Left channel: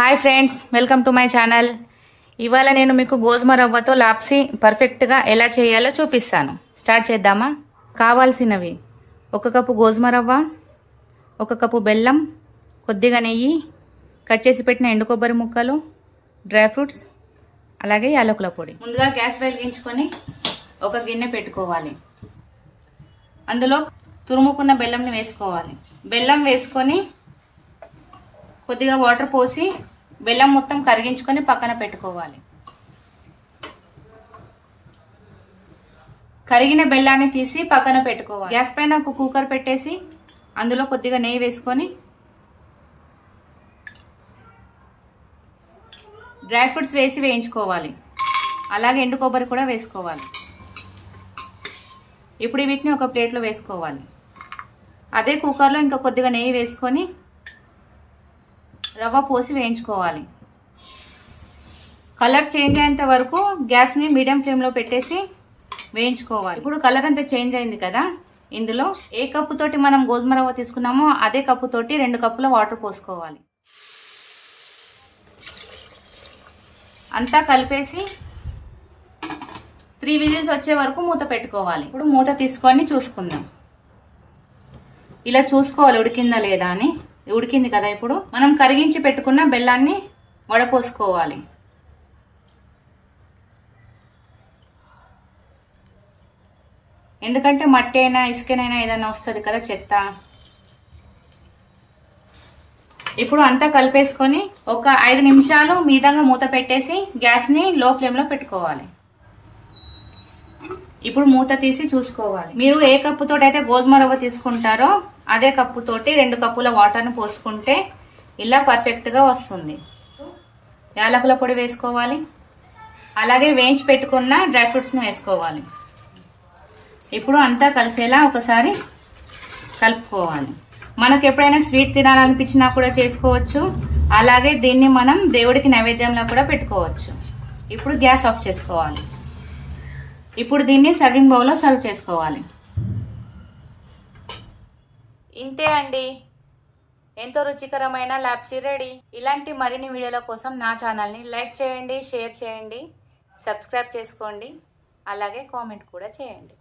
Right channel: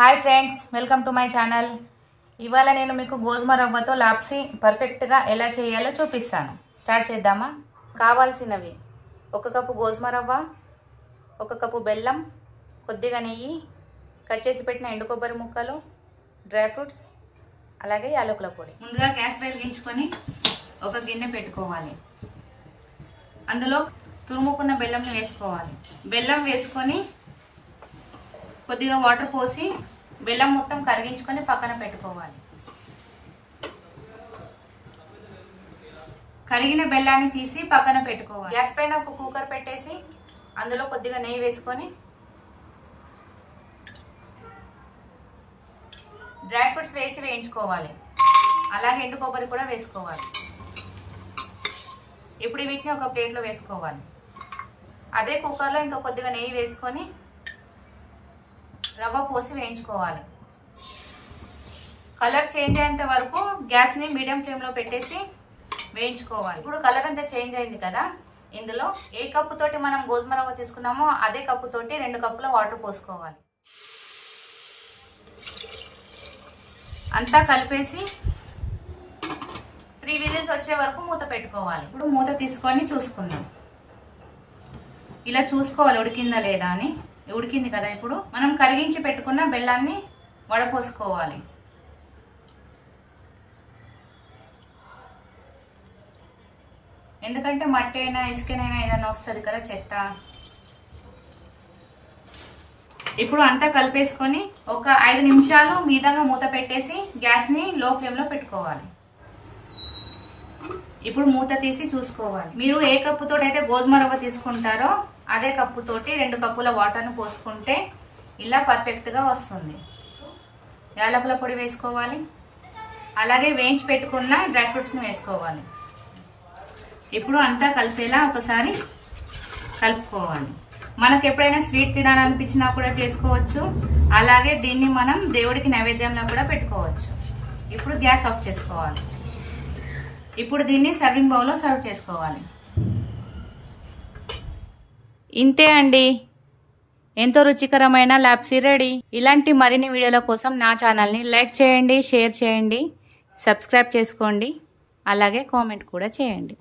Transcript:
Hi friends, welcome to my channel. ఇవాళ నేను మీకు గోధుమ రవ్వతో లాప్సీ పర్ఫెక్ట్గా ఎలా చేయాలో చూపిస్తాను. స్టార్ట్ చేద్దామా? కావాల్సినవి: 1 కప్పు గోధుమ రవ్వ, 1 కప్పు బెల్లం, కొద్దిగా నెయ్యి, కట్ చేసి పెట్టిన ఎండు కొబ్బరి ముక్కలు, డ్రై ఫ్రూట్స్, అలాగే యాలకుల పొడి. ముందుగా గ్యాస్ వెలిగించుకొని ఒక గిన్నె పెట్టుకోవాలి. అందులో తురుముకున్న బెల్లంని వేసుకోవాలి. బెల్లం వేసుకొని కొద్దిగా వాటర్ పోసి బెల్లం మొత్తం కరిగించుకొని పక్కన పెట్టుకోవాలి. కరిగిన బెల్లాన్ని తీసి పక్కన పెట్టుకోవాలి. గ్యాస్ పైన ఒక కుక్కర్ పెట్టేసి అందులో కొద్దిగా నెయ్యి వేసుకొని డ్రై ఫ్రూట్స్ వేసి వేయించుకోవాలి. అలాగే ఎండు కొబ్బరి కూడా వేసుకోవాలి. ఇప్పుడు వీటిని ఒక ప్లేట్లో వేసుకోవాలి. అదే కుక్కర్లో ఇంకా కొద్దిగా నెయ్యి వేసుకొని రవ్వ పోసి వేయించుకోవాలి. కలర్ చేంజ్ అయ్యేంత వరకు గ్యాస్ని మీడియం ఫ్లేమ్లో పెట్టేసి వేయించుకోవాలి. ఇప్పుడు కలర్ అంతా చేంజ్ అయింది కదా, ఇందులో ఏ కప్పు తోటి మనం గోధుమ రవ్వ తీసుకున్నామో అదే కప్పు తోటి 2 కప్పుల వాటర్ పోసుకోవాలి. అంతా కలిపేసి 3 విజిల్స్ వచ్చే వరకు మూత పెట్టుకోవాలి. ఇప్పుడు మూత తీసుకొని చూసుకుందాం. ఇలా చూసుకోవాలి ఉడికిందా లేదా అని. ఉడికింది కదా. ఇప్పుడు మనం కరిగించి పెట్టుకున్న బెల్లాన్ని వడపోసుకోవాలి. ఎందుకంటే మట్టి అయినా ఇసుకనైనా ఏదైనా వస్తుంది కదా, చెత్త. ఇప్పుడు అంతా కలిపేసుకొని ఒక 5 నిమిషాలు మీదంగా మూత పెట్టేసి గ్యాస్ని లో ఫ్లేమ్లో పెట్టుకోవాలి. ఇప్పుడు మూత తీసి చూసుకోవాలి. మీరు ఏ కప్పుతో అయితే గోధుమ రవ్వ తీసుకుంటారో అదే కప్పుతోటి 2 కప్పుల వాటర్ని పోసుకుంటే ఇలా పర్ఫెక్ట్గా వస్తుంది. యాలకుల పొడి వేసుకోవాలి. అలాగే వేయించి పెట్టుకున్న డ్రై ఫ్రూట్స్ని వేసుకోవాలి. ఇప్పుడు అంతా కలిసేలా ఒకసారి కలుపుకోవాలి. మనకు ఎప్పుడైనా స్వీట్ తినాలనిపించినా కూడా చేసుకోవచ్చు. అలాగే దీన్ని మనం దేవుడికి నైవేద్యంలో కూడా పెట్టుకోవచ్చు. ఇప్పుడు గ్యాస్ ఆఫ్ చేసుకోవాలి. ఇప్పుడు దీన్ని సర్వింగ్ బౌల్లో సర్వ్ చేసుకోవాలి. ఇంతే అండి, ఎంతో రుచికరమైన లాప్సీ రెడీ. ఇలాంటి మరిన్ని వీడియోల కోసం నా ఛానల్ని లైక్ చేయండి, షేర్ చేయండి, సబ్స్క్రైబ్ చేసుకోండి, అలాగే కామెంట్ కూడా చేయండి.